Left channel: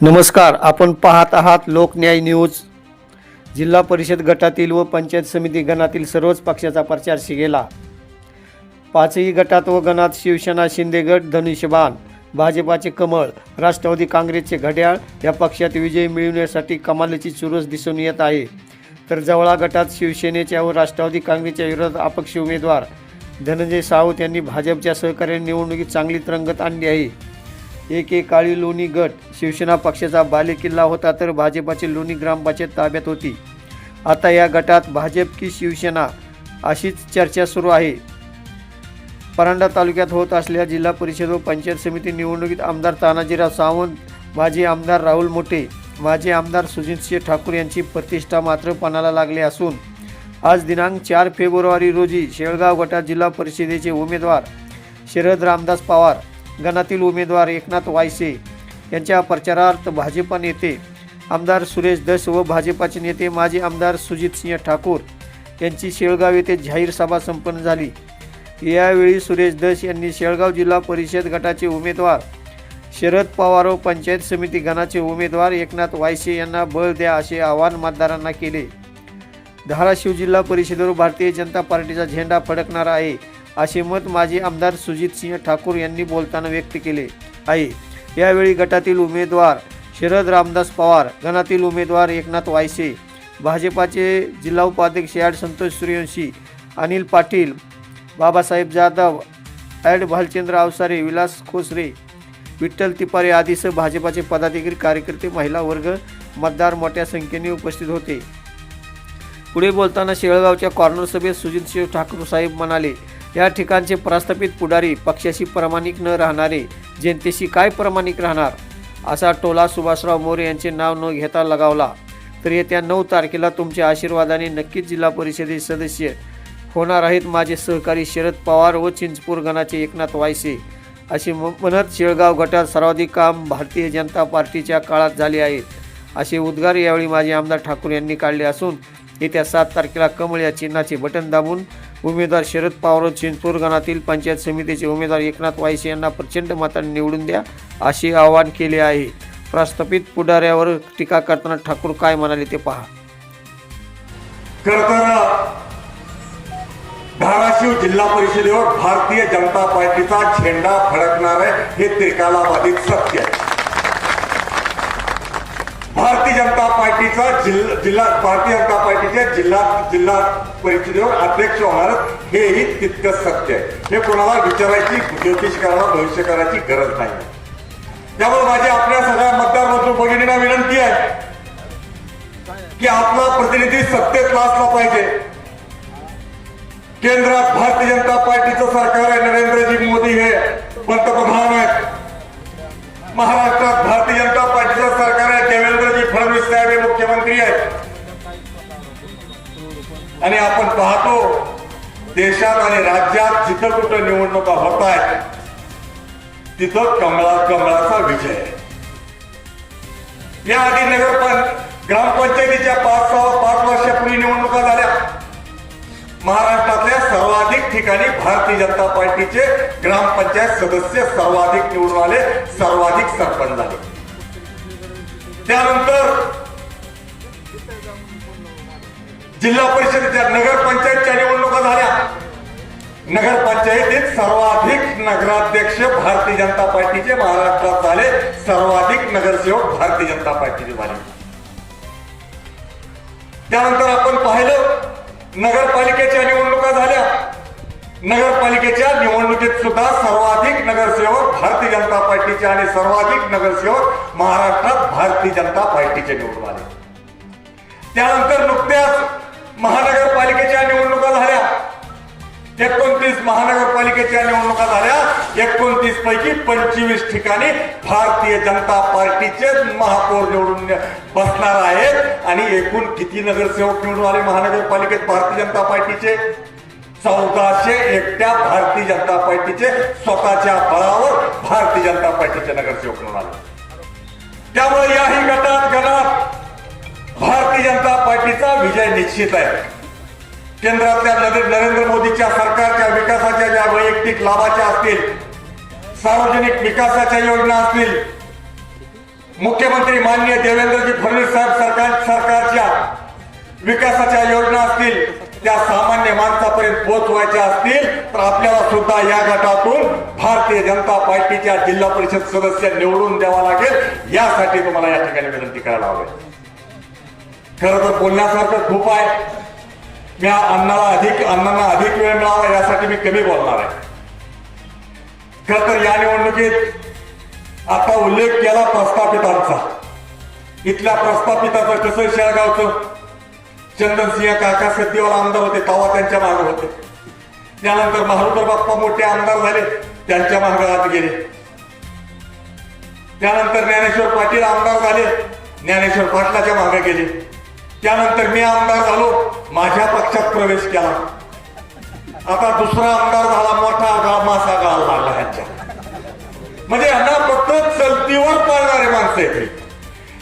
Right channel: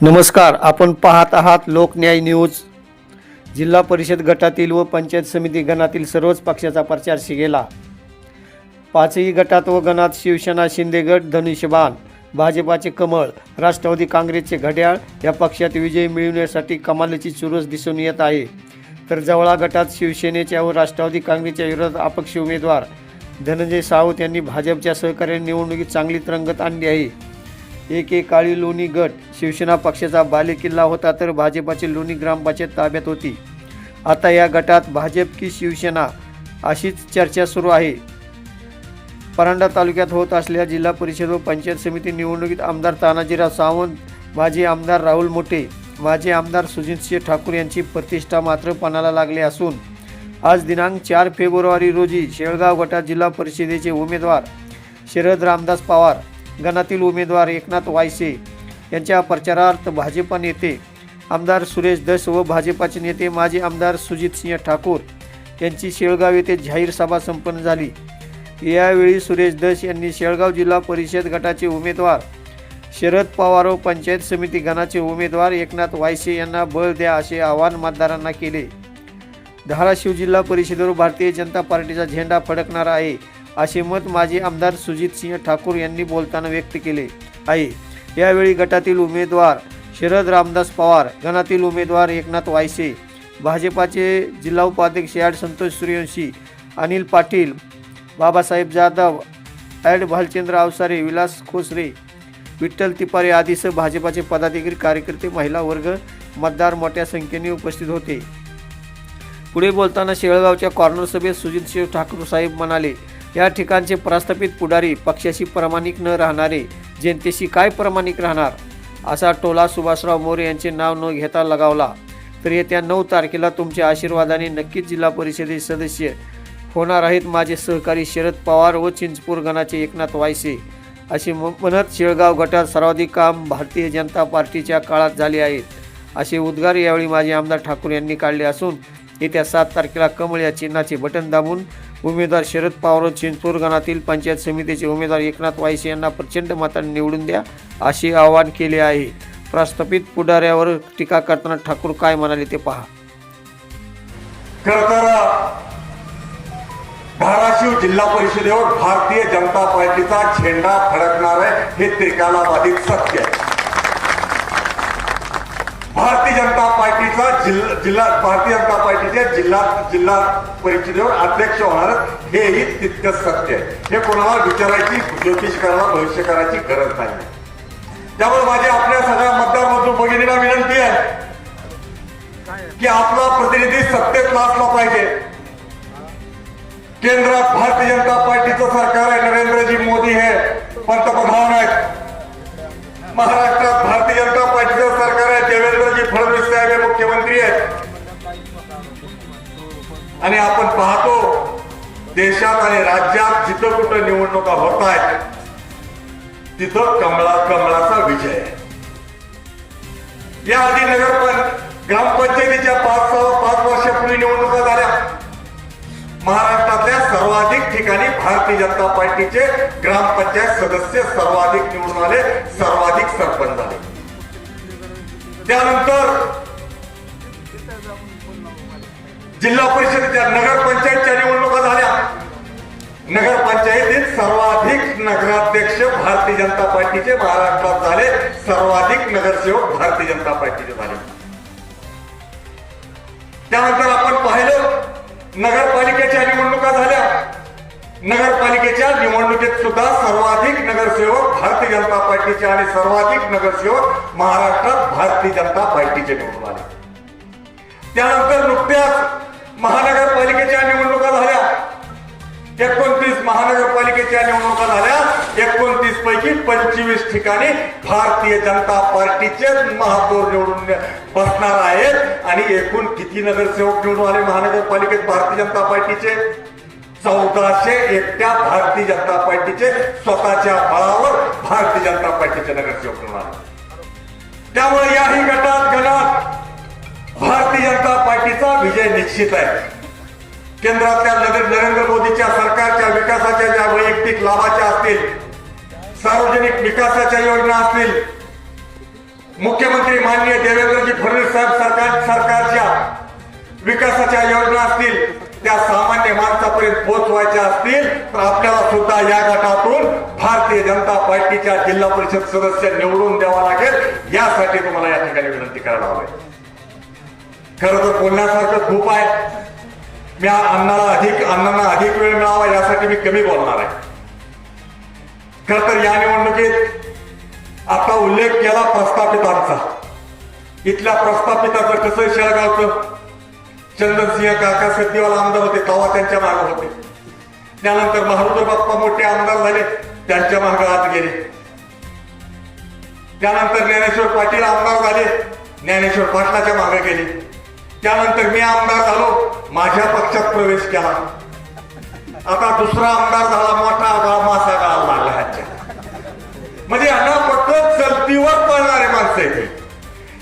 नमस्कार, आपण पाहत आहात लोकन्याय न्यूज। जिल्हा परिषद गटातील व पंचायत समिती गणातील सर्वच पक्षाचा प्रचार शिगेला। पाचही गटात व गणात शिवसेना, शिंदे गट धनुष्यबाण, भाजपाचे कमळ, राष्ट्रवादी काँग्रेसचे घड्याळ या पक्षात विजय मिळवण्यासाठी कमालीची चुरस दिसून येत आहे। तर जवळा गटात शिवसेनेच्या व राष्ट्रवादी काँग्रेसच्या विरोधात अपक्ष उमेदवार धनंजय सावंत यांनी भाजपच्या सहकार्याने निवडणुकीत चांगली रंगत आणली आहे। एकेकाळी लोणी गट शिवसेना पक्षाचा बालेकिल्ला होता, तर भाजपाची लोणी ग्रामपंचायत ताब्यात होती। आता या गटात भाजप की शिवसेना अशीच चर्चा सुरू आहे। परांडा तालुक्यात होत असलेल्या जिल्हा परिषद व पंचायत समिती निवडणुकीत आमदार तानाजीराव सावंत, माजी आमदार राहुल मोठे, माजी आमदार सुजितसिंह ठाकूर यांची प्रतिष्ठा मात्र पणाला लागली असून आज दिनांक 4 फेब्रुवारी रोजी शेळगाव गटात जिल्हा परिषदेचे उमेदवार शरद रामदास पवार, गणातील उमेदवार एकनाथ वायसे यांच्या प्रचारार्थ भाजपा नेते आमदार सुरेश धस व भाजपाचे नेते माजी आमदार सुजितसिंह ठाकूर यांची शेळगाव येथे जाहीर सभा संपन्न झाली। यावेळी सुरेश धस यांनी शेळगाव जिल्हा परिषद गटाचे उमेदवार शरद पवार व पंचायत समिती गणाचे उमेदवार एकनाथ वायसे यांना बळ द्या असे आवाहन मतदारांना केले। धाराशिव जिल्हा परिषदेवर भारतीय जनता पार्टीचा झेंडा फडकणार आहे असे मत माजी आमदार सुजितसिंह ठाकूर यांनी बोलताना व्यक्त केले आहे। यावेळी गटातील उमेदवार शरद रामदास पवार, गणातील उमेदवार एकनाथ वायसे, भाजपाचे जिल्हा उपाध्यक्ष ॲड संतोष सूर्यवंशी, अनिल पाटील, बाबासाहेब जाधव, ॲड भालचंद्र अवसारे, विलास खोसरे, विठ्ठल तिपारे आदीसह भाजपाचे पदाधिकारी, कार्यकर्ते, महिला वर्ग, मतदार मोठ्या संख्येने उपस्थित होते। पुढे बोलताना शेळगावच्या कॉर्नर सभेत सुजितसिंह ठाकूर साहेब म्हणाले, या ठिकाणचे प्रस्थापित पुढारी पक्षाशी प्रामाणिक न राहणारे जनतेशी काय प्रामाणिक राहणार असा टोला सुभाषराव मोरे यांचे नाव न घेता लगावला। तर येत्या 9 तारखेला तुमच्या आशीर्वादाने नक्कीच जिल्हा परिषदेचे सदस्य होणार आहेत माझे सहकारी शरद पवार व चिंचपूर गणाचे एकनाथ वायसे असे म्हणत शेळगाव गटात सर्वाधिक काम भारतीय जनता पार्टीच्या काळात झाले आहेत असे उद्गार यावेळी माजी आमदार ठाकूर यांनी काढले असून येत्या 7 तारखेला कमळ या चिन्हाचे बटन दाबून उमेदवार शरद पवार व चिंचपूर गणातील पंचायत समितीचे उमेदवार एकनाथ वायसे यांना प्रचंड मताने निवडून द्या असे आवाहन केले आहे। प्रस्थापित पुढाऱ्यावर टीका करताना ठाकूर काय म्हणाले ते पहा। धाराशिव जिल्हा परिषदेवर भारतीय जनता पार्टीचा झेंडा फडकणार आहे हे त्रिकालाबाधित सत्य आहे। भारतीय जनता पार्टीच्या जिल्हा परिषदेवर अध्यक्ष होणार हेही तितकंच सत्य आहे। हे कोणाला विचारायची, ज्योतिष करायला, भविष्य करायची गरज नाही। त्यामुळे माझी आपल्या सगळ्या मतदार बंधू भगिनींना विनंती आहे की आपला प्रतिनिधी सत्तेत असला पाहिजे। केंद्रात भारतीय जनता पार्टीचं सरकार आहे, नरेंद्रजी मोदी हे पंतप्रधान आहेत। महाराष्ट्रात भारतीय जनता पार्टीचं सरकार आहे, देवेंद्रजी फडणवीस साहेब हे मुख्यमंत्री आहेत। आणि आपण पाहतो देशात आणि राज्यात जिथं कुठे निवडणुका होत आहेत तिथं कमळाचा विजय आहे। याआधी ग्रामपंचायतीच्या 5 वर्षापूर्वी निवडणुका झाल्या। महाराष्ट्रातल्या सर्वाधिक ठिकाणी भारतीय जनता पार्टीचे ग्रामपंचायत सदस्य सर्वाधिक निवडून आले, सर्वाधिक सरपंच झाले। त्यानंतर जिल्हा परिषदेच्या नगरपंचायतच्या निवडणुका झाल्या। नगरपंचायतीत सर्वाधिक नगराध्यक्ष भारतीय जनता पार्टीचे महाराष्ट्रात झाले, सर्वाधिक नगरसेवक भारतीय जनता पार्टीचे झाले। त्यानंतर आपण पाहिलं नगरपालिकेच्या निवडणुका झाल्या। नगरपालिकेच्या निवडणुकीत सुद्धा सर्वाधिक नगरसेवक भारतीय जनता पार्टीचे आणि सर्वाधिक नगरसेवक महाराष्ट्रात भारतीय जनता पार्टीचे निवडून आले। त्यानंतर नुकत्याच महानगरपालिकेच्या निवडणुका झाल्या। 29 महानगरपालिकेच्या निवडणुका झाल्या। 29 पैकी 25 ठिकाणी भारतीय जनता पार्टीचे महापौर निवडून बसणार आहेत। आणि एकूण किती नगरसेवक निवडून आले महानगरपालिकेत भारतीय जनता पार्टीचे? 1401 भारतीय जनता पार्टीचे स्वतःच्या बळावर भारतीय जनता पार्टीचे नगरसेवक निवडून आले। त्यामुळे याही गणात भारतीय जनता पार्टीचा विजय निश्चित आहे। केंद्रातल्या नरेंद्र मोदीच्या सरकारच्या विकासाच्या ज्या वैयक्तिक लाभाच्या असतील, सार्वजनिक विकासाच्या योजना असतील, मुख्यमंत्री माननीय देवेंद्रजी फडणवीस साहेब सरकारच्या विकासाच्या योजना असतील त्या सामान्य माणसापर्यंत पोहोचवायच्या असतील तर आपल्याला सुद्धा या गटातून भारतीय जनता पार्टीच्या जिल्हा परिषद सदस्य निवडून द्यावा लागेल. यासाठी तुम्हाला या ठिकाणी विनंती करायला हवी. खरं तर बोलण्यासारखं खूप आहे. मी अण्णांना अधिक वेळ मिळावा यासाठी मी कमी बोलणार आहे. खरं तर या निवडणुकीत आता उल्लेख केला प्रस्थापितांचा. इथल्या प्रस्थापिताचं कसं शेळगावचं चंदनसिंह काका सध्यावाला आमदार होते तेव्हा त्यांच्या मागे होते. त्यानंतर माहुरकर बाप्पा मोठे आमदार झाले त्यांच्या मागे आत गेले. त्यानंतर ज्ञानेश्वर पाटील आमदार झाले ज्ञानेश्वर पाटलाच्या मागे गेले. त्यानंतर मी आमदार झालो माझ्या पक्षात प्रवेश केला. आता दुसरा आमदार झाला मोठा गाव मासा गाव लागला ह्यांच्या. म्हणजे यांना फक्त चलतीवर पळणारे माणसं आहे.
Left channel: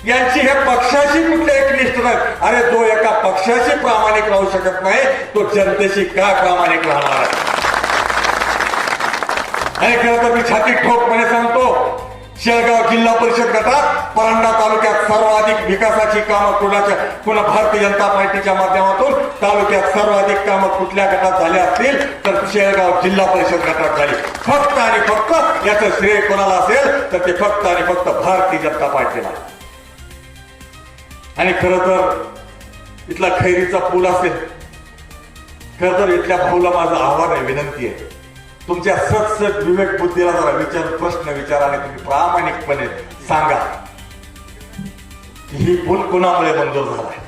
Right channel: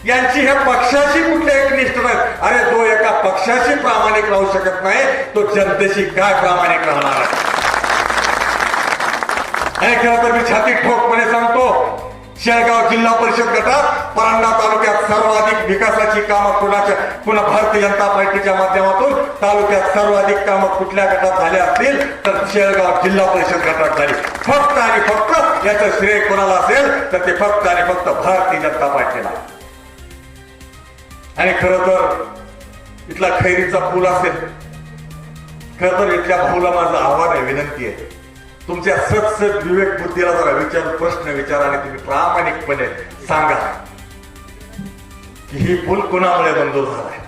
यांची हे पक्षाशी कुठले एकनिष्ठ नाही. अरे जो एका पक्षाशी प्रामाणिक राहू शकत नाही तो जनतेशी काय प्रामाणिक राहणार आहे. आणि खरं तर मी छाती ठोकपणे सांगतो शेळगाव जिल्हा परिषद गटात परांडा तालुक्यात सर्वाधिक विकासाची कामं पुन्हा भारतीय जनता पार्टीच्या माध्यमातून तालुक्यात सर्वाधिक कामं कुठल्या गटात झाले असतील तर शेळगाव जिल्हा परिषद गटात झाली. फक्त आणि फक्त याचं श्रेय कोणाला असेल तर ते फक्त आणि फक्त भारतीय जनता पार्टीला. आणि खरं तर इथला खैरीचा पूल असेल. खरं तर इथल्या भाऊला माझं आव्हान आहे विनंती आहे तुमच्या सत्सत विवेक बुद्धीला जरा प्रश्न विचारा आणि तुम्ही प्रामाणिकपणे सांगा की ही पूल कोणामुळे मंजूर झालाय.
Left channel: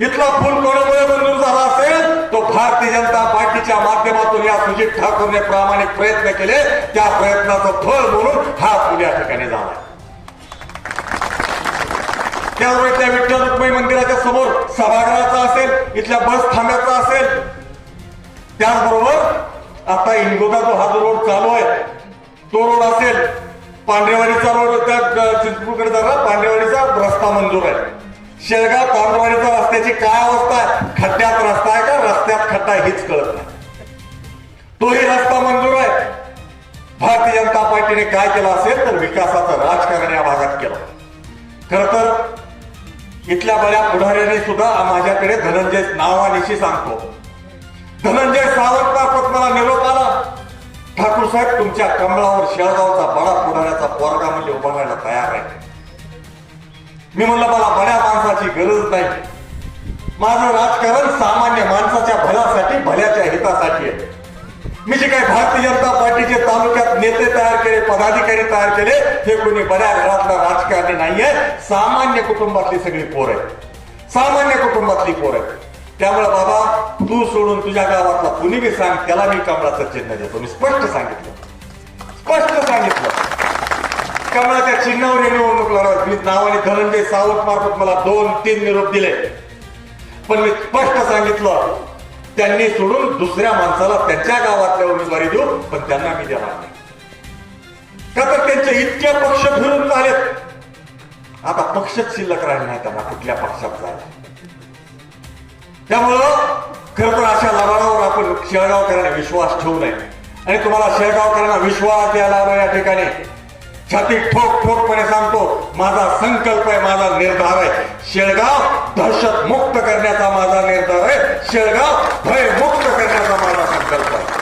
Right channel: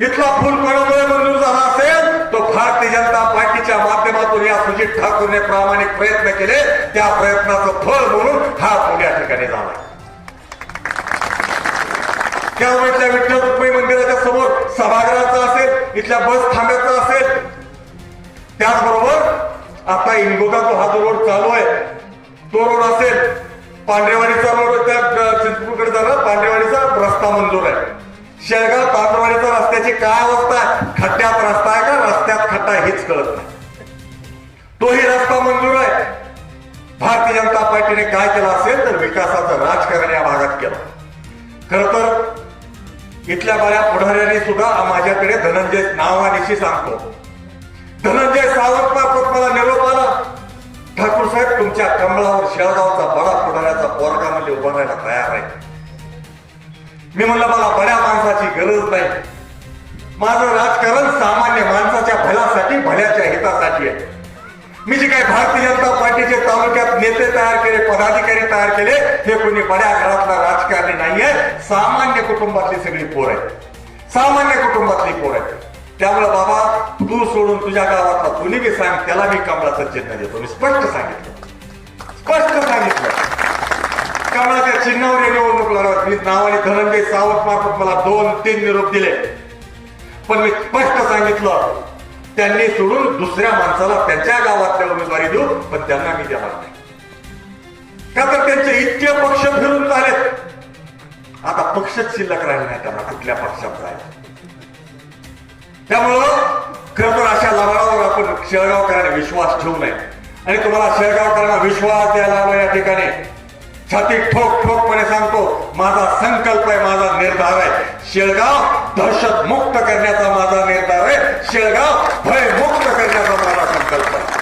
इथला पूल कोणामुळे मंजूर झाला असेल तो भारतीय जनता पार्टीच्या माध्यमातून या सुजित ठाकूरने प्रामाणिक प्रयत्न केले त्या प्रयत्नाचं फळ म्हणून हा पूल या ठिकाणी झाला. त्यावेळेस विठ्ठल रुक्मिणी मंदिराच्या समोर सभागृहाचा असेल इथल्या बस थांब्याचा असेल. त्याचबरोबर आता इंगोदा जो हा जो रोड चालू आहे तो रोड असेल पांढरेवाडीचा रोड त्या चित्रपूरकडे जाणार पांढरेवाडीचा रस्ता मंजूर आहे. शेळगाव तांबरवाडीच्या रस्त्याची काय अवस्था आहे. खड्ड्यात रस्ता आहे का रस्त्यात खड्डा हेच कळत नाही. तोही रस्ता मंजूर आहे. भारतीय जनता पार्टीने काय केलं असेल तर विकासाचं राजकारण या भागात केलं. खरं तर इथल्या बऱ्या पुढाऱ्यांनी सुद्धा माझ्याकडे धनंजय नावानिशी सांगतो. धनंजय सावंत मार्फत मला निरोप आला ठाकूर साहेब तुमच्या कमळावर शेळगावचा बडा पुढाऱ्याचा पोरगा म्हणजे उभा राहायला तयार आहे. मी म्हणलं मला बड्या माणसाची गरज नाही. माझं राजकारण सामान्य माणसाच्या भल्यासाठी भल्याच्या हितासाठी आहे. मी जे काय भारतीय जनता पार्टीचे तालुक्यात नेते तयार केले पदाधिकारी तयार केले हे कोणी बड्या घरातला राजकारणी नाहीये. सामान्य कुटुंबातली सगळी पोर आहे. सामान्य कुटुंबातली पोर आहे. त्यामुळे बाबा तू सोडून तुझ्या गावातला कुणी बी सांग त्याला मी कमळाचं चिन्ह देतो. मी स्पष्ट सांगितलं कमळाच्या चिन्हावर निवडणूक लढवत. मी नावाने धनंजय सावंत मार्फत मला 2-3 निरोप दिले पण मी स्पष्ट सांगितलं त्यांनी सोडून दुसऱ्या माणसाला त्यांच्या गावातल्या उमेदवारी देऊ पण त्यांना मी देणार नाही. का तर त्यांचे इतके पक्ष फिरून झालेत. आता पक्षच शिल्लक राहिले नाही त्यांना कुठल्या पक्षात जायला. त्यामुळं खरं तर अशा लढावर आपण शेळगावकरांना विश्वास ठेवू नये. आणि तुम्हाला शेळगावकरांना विश्वास द्यायला आलो या ठिकाणी छाती ठोकपणे सांगतो माझा संकल्प आहे माझा निर्धार आहे. शेळगाव दहशत मुक्त करण्याचा माझा निर्धार आहे. शेळगाव भय मुक्त करण्याचा माझा संकल्प आहे.